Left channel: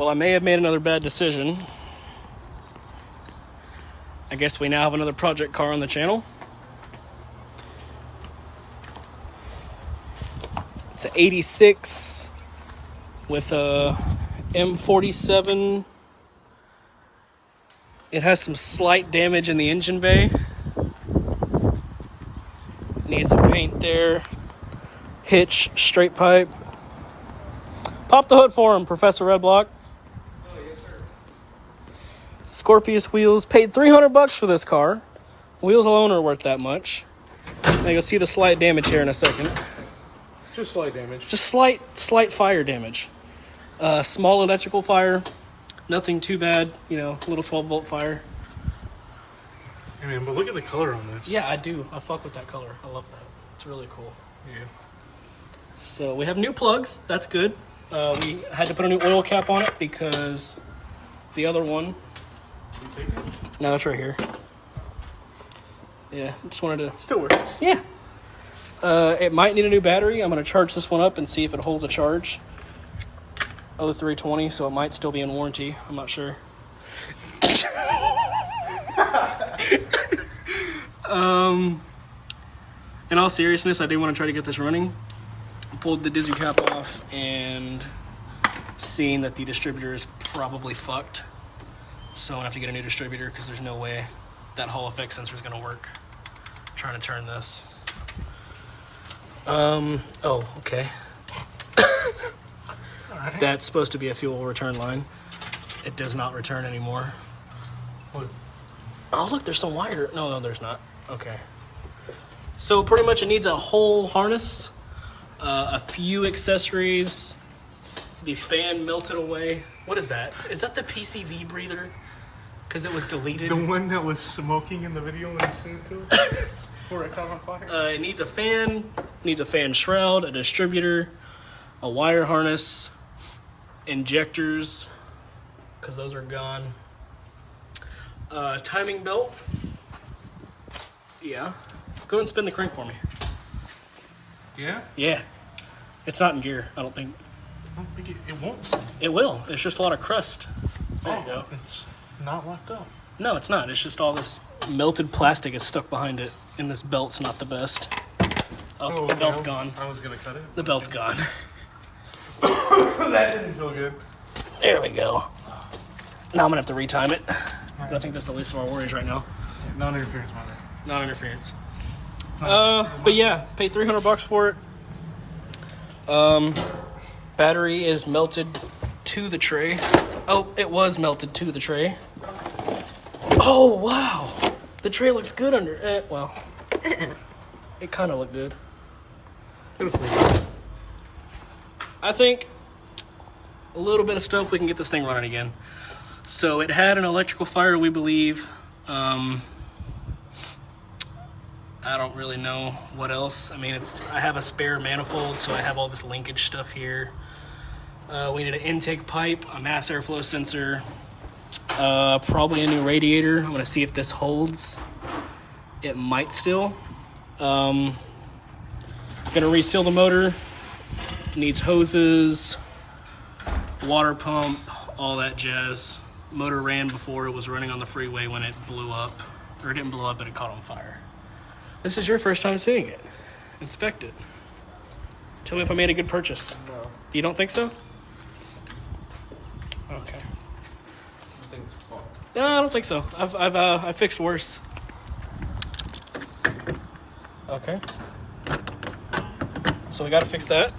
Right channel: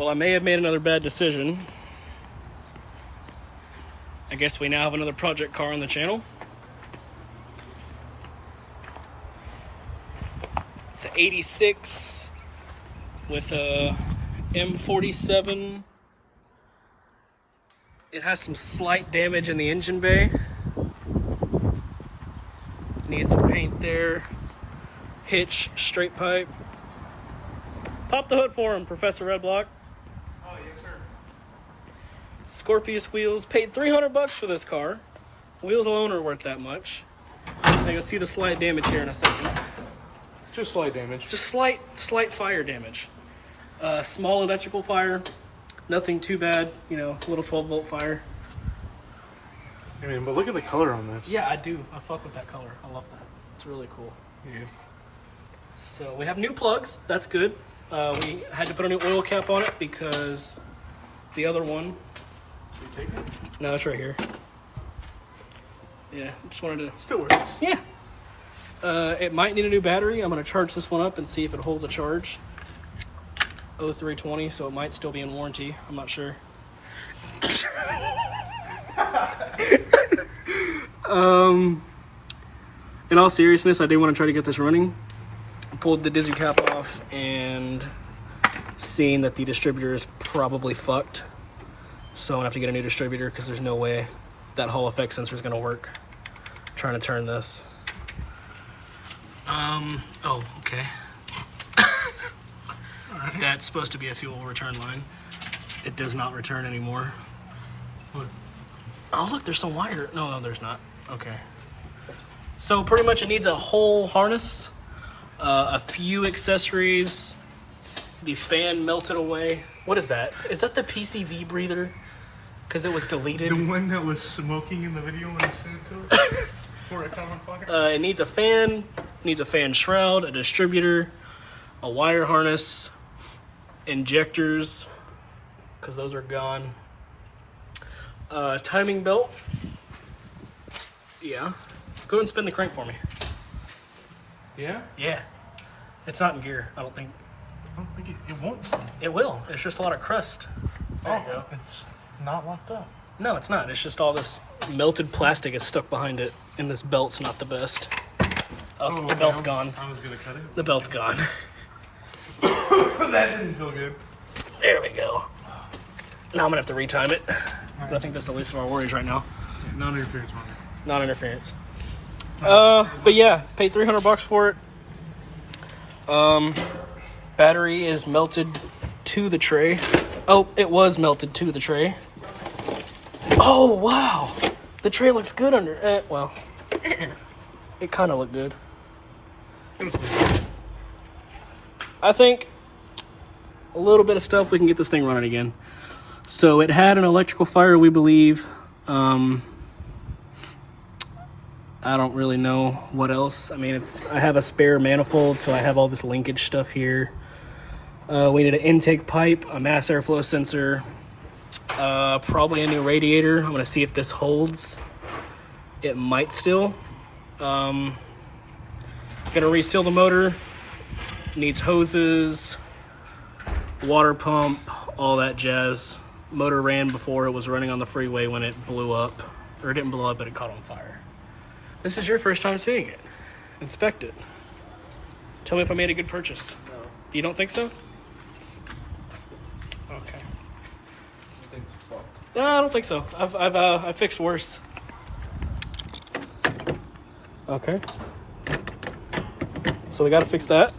Well, I may have made another bad decision. I guess we now have another project car on the channel. It's an 86 with a M47. It has some slight damage in the engine bay. Needs some paint there. Hitch, straight pipe. Pop the hood for him, Professor Redblock. Oh, yes, sir. Scorpius wheels. Paid $300 for this car. Wheels alone are worth that much. Now you'll see the slight damage here in a second. Just slight damage. Just slight fire damage. Small electrical fire. Nothing too bad. You know, little 12-volt fire. I mean, but look at the color on this. Yeah, I do. I fuck with that color. I love that. It's really cool. Yeah. So we have new plugs. That's good. We had to put a new oil cap on it because the other one... You take it? No, it's right here. Yeah, just wanted to... Still works. Yeah. It might need a new battery. I'm going to charge this one up and see if it holds a charge. 0320, so it might still be in warranty. I'm not sure. In all seriousness, I do want to try to get this running. I pulled the dizzy cap off and seeing that the distributor is probably fucked. So I'm going to have to get a new distributor because there's no way that Hall effect sensor is going to work. I'm trying to turn this. Oh, okay. That's supposed to be a fuel return line. It does not return anymore. Oh, look, there's some wire. No, there's not. Okay. So pretty much it needs a whole harness, a few accessories, the fan melted away. What is that? Is that the PCV breather? Because it was deleted. The one that was smoking in the video when I sent it to it? Before it caught on fire? It needs a fan, shroud, a distributor, a wire harness, injectors, because those are gone. Timing belt. Yeah. Go ahead and spin the crank for me. Yeah? Yeah. It's not in gear, I don't think. I don't think it won't spin. It will. It's just a lot of crust. There you go. It's not locked up. No, it's not. It's just all this melted plastic is stuck behind it, and this belt's not the best. Oh, the belt's gone. I was going to cut it. The belt's gone. That didn't feel good. There we go. Now I'm going to have to retime it. But I think that's the least of our worries right now. Non-interference monitor. Non-interference. But yeah, paid $300 for it. Battery is melted to the tray. Oh, it was melted to the tray. Oh, wow. The tray looks good under... well, it kind of looked good. I think a little bit of stuff, we can get this thing running again. So it had an electrical fire, we believe. I don't really know what else. I mean, I have a spare manifold, so I have all this linkage stuff here. We need an intake pipe, a mass airflow sensor, probably a new radiator. I'm gonna see if this holds. It might still. Gonna reseal the motor. Needs hoses, water pump, all that jazz. Motor ran before it was running on the freeway when it blew up. Or it didn't blow up, but it caught on fire. This is your first time seeing it. Inspect it. Tell me if I made a good purchase. No. You don't think so? Okay. The thing's fucked. No, I don't think so. I've fixed worse. Okay. So we gotta fix that.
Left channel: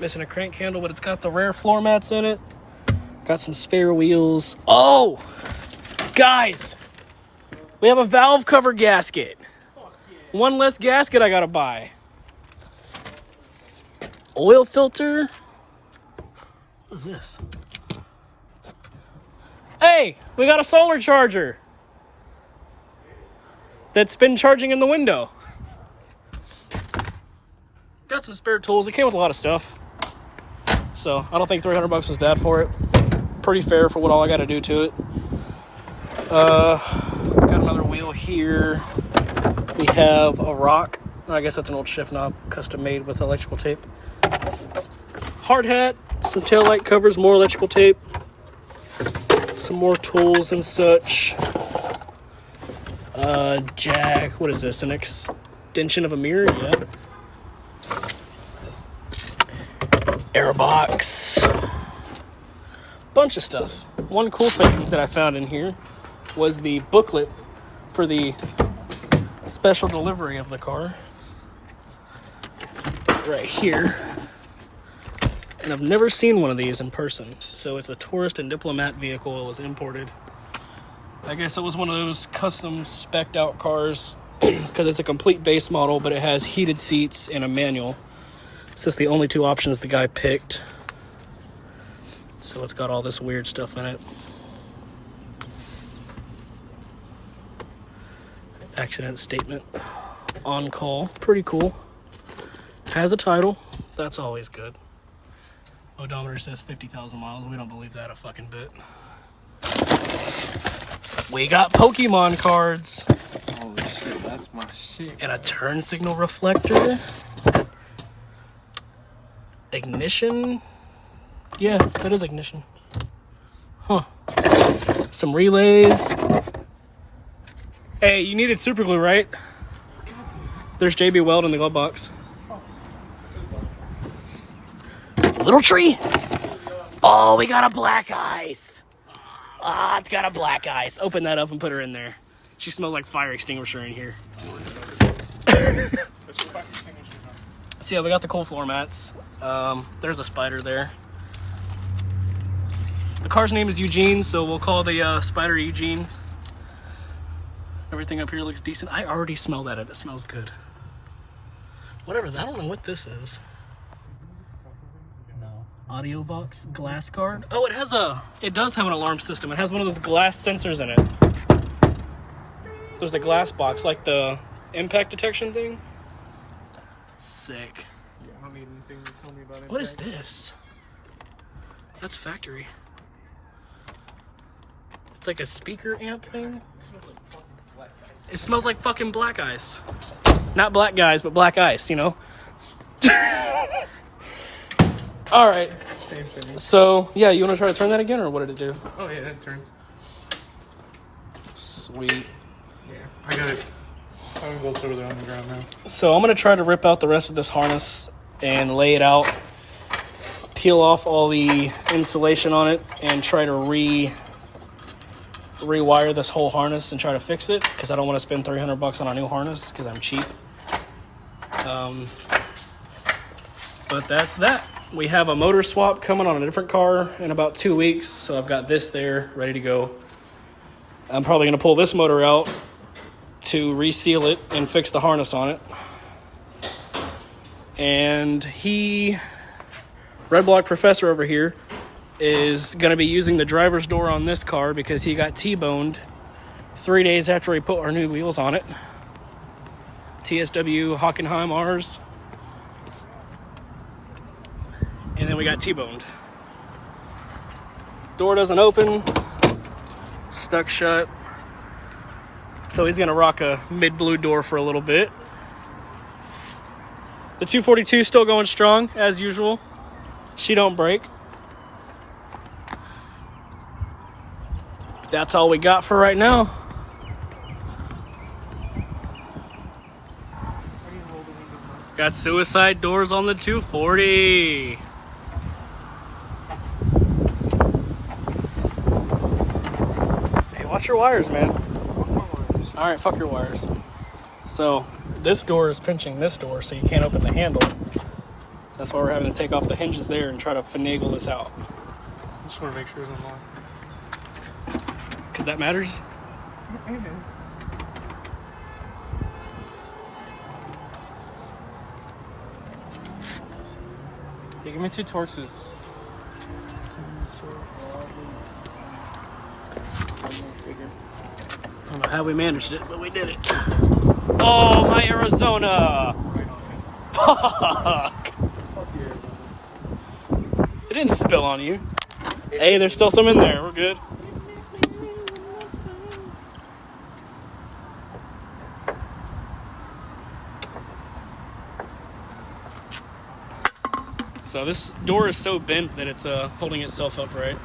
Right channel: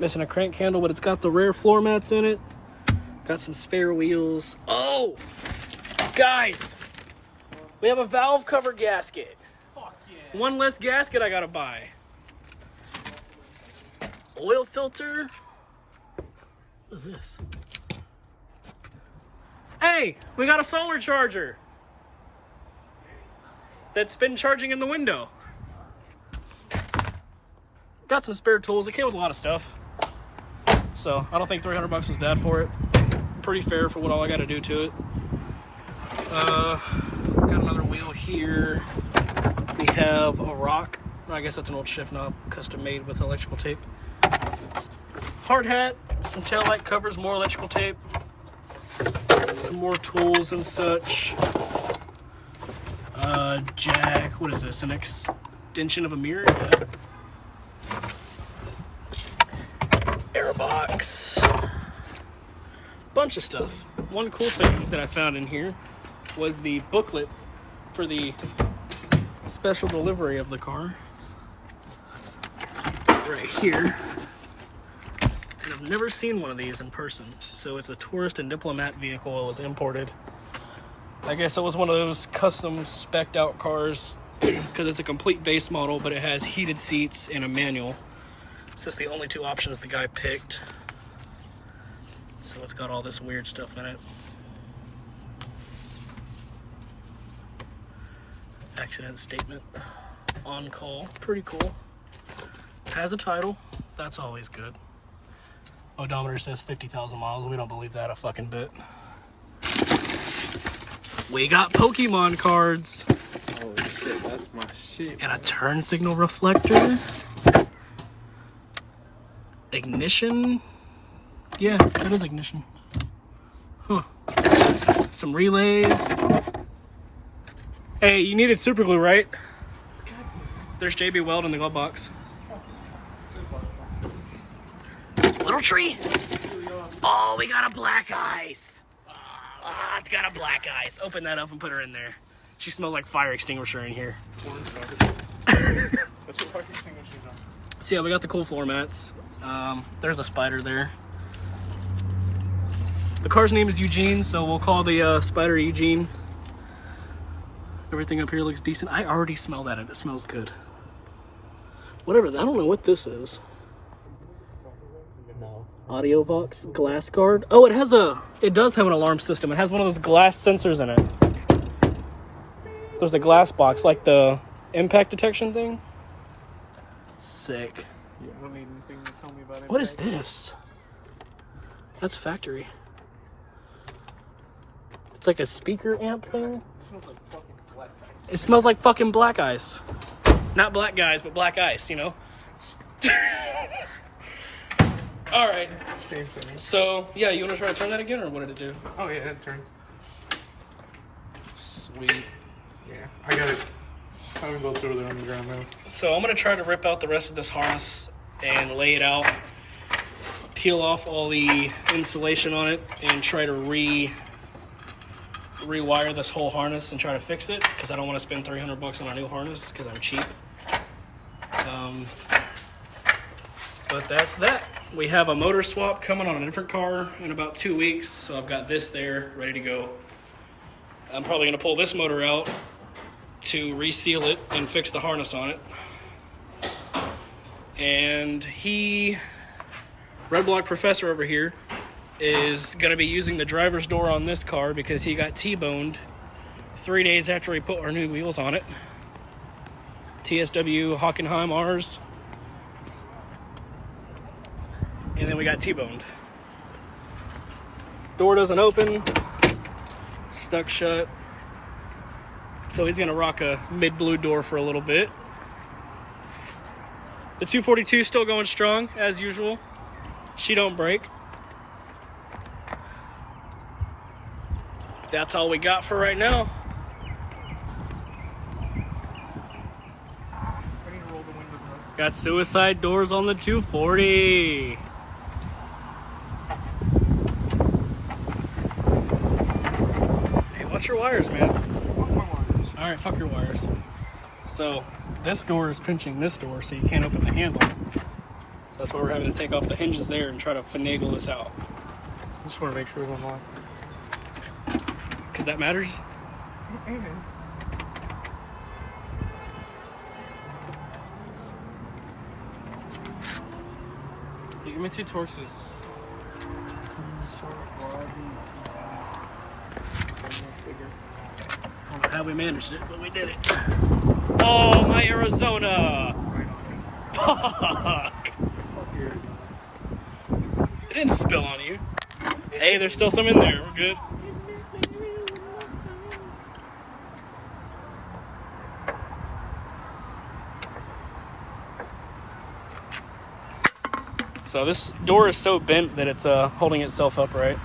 Missing a crank handle, but it's got the rear floor mats in it. Got some spare wheels. Oh! Guys! We have a valve cover gasket. Fuck yeah. One less gasket I gotta buy. Oil filter. What is this? Hey, we got a solar charger that's been charging in the window. Got some spare tools. It came with a lot of stuff. So I don't think $300 was bad for it. Pretty fair for what all I gotta do to it. Got another wheel here. We have a rock. I guess that's an old shift knob, custom made with electrical tape. hard hat, some taillight covers, more electrical tape, some more tools and such. Jack, what is this? An extension of a mirror? Yeah. Airbox. Bunch of stuff. One cool thing that I found in here was the booklet for the special delivery of the car. Right here. And I've never seen one of these in person. So it's a tourist and diplomat vehicle. It was imported. I guess it was one of those custom spec'd out cars because it's a complete base model, but it has heated seats and a manual. It's just the only two options the guy picked. So it's got all this weird stuff in it. Accident statement. On call. Pretty cool. Has a title. That's always good. Odometer says 50,000 miles. We don't believe that a fucking bit. We got Pokemon cards. Holy shit, that's my shit. And a turn signal reflector. Ignition. Yeah, that is ignition. Huh. Some relays. Hey, you needed super glue, right? There's JB Weld in the glove box. Little tree. Oh, we got a black ice. Ah, it's got a black ice. Open that up and put her in there. She smells like fire extinguisher in here. So yeah, we got the cool floor mats. There's a spider there. The car's name is Eugene, so we'll call the spider Eugene. Everything up here looks decent. I already smell that. It smells good. Whatever. I don't know what this is. Audio Vox glass guard. Oh, it does have an alarm system. It has one of those glass sensors in it. There's a glass box, like the impact detection thing. Sick. Yeah, I don't need anything to tell me about it. What is this? That's factory. It's like a speaker amp thing. It smells like fucking black ice. Not black guys, but black ice, you know? All right. So, yeah, you want to try to turn that again, or what did it do? Oh, yeah, that turns. Sweet. Yeah, I got it. I'm going to go over there on the ground now. So I'm going to try to rip out the rest of this harness and lay it out, peel off all the insulation on it, and try to rewire this whole harness and try to fix it, because I don't want to spend $300 on a new harness because I'm cheap. But that's that. We have a motor swap coming on a different car in about 2 weeks, so I've got this there ready to go. I'm probably going to pull this motor out to reseal it and fix the harness on it. And Redblock Professor over here, is going to be using the driver's door on this car because he got T-boned 3 days after we put our new wheels on it. TSW Hockenheim R's. And then we got T-boned. Door doesn't open. Stuck shut. So he's gonna rock a mid-blue door for a little bit. The 242 is still going strong, as usual. She don't break. That's all we got for right now. I need to roll the windows up. Got suicide doors on the 240. Hey, watch your wires, man. Fuck my wires. All right, fuck your wires. So this door is pinching this door, so you can't open the handle. That's why we're having to take off the hinges there and try to finagle this out. I just want to make sure it's unlocked. Because that matters. Hey, man. Hey, give me 2 torches. I don't know how we managed it, but we did it. Oh, my Arizona! Fuck! It didn't spill on you. Hey, there's still some in there. We're good. So this door is so bent that it's holding itself upright.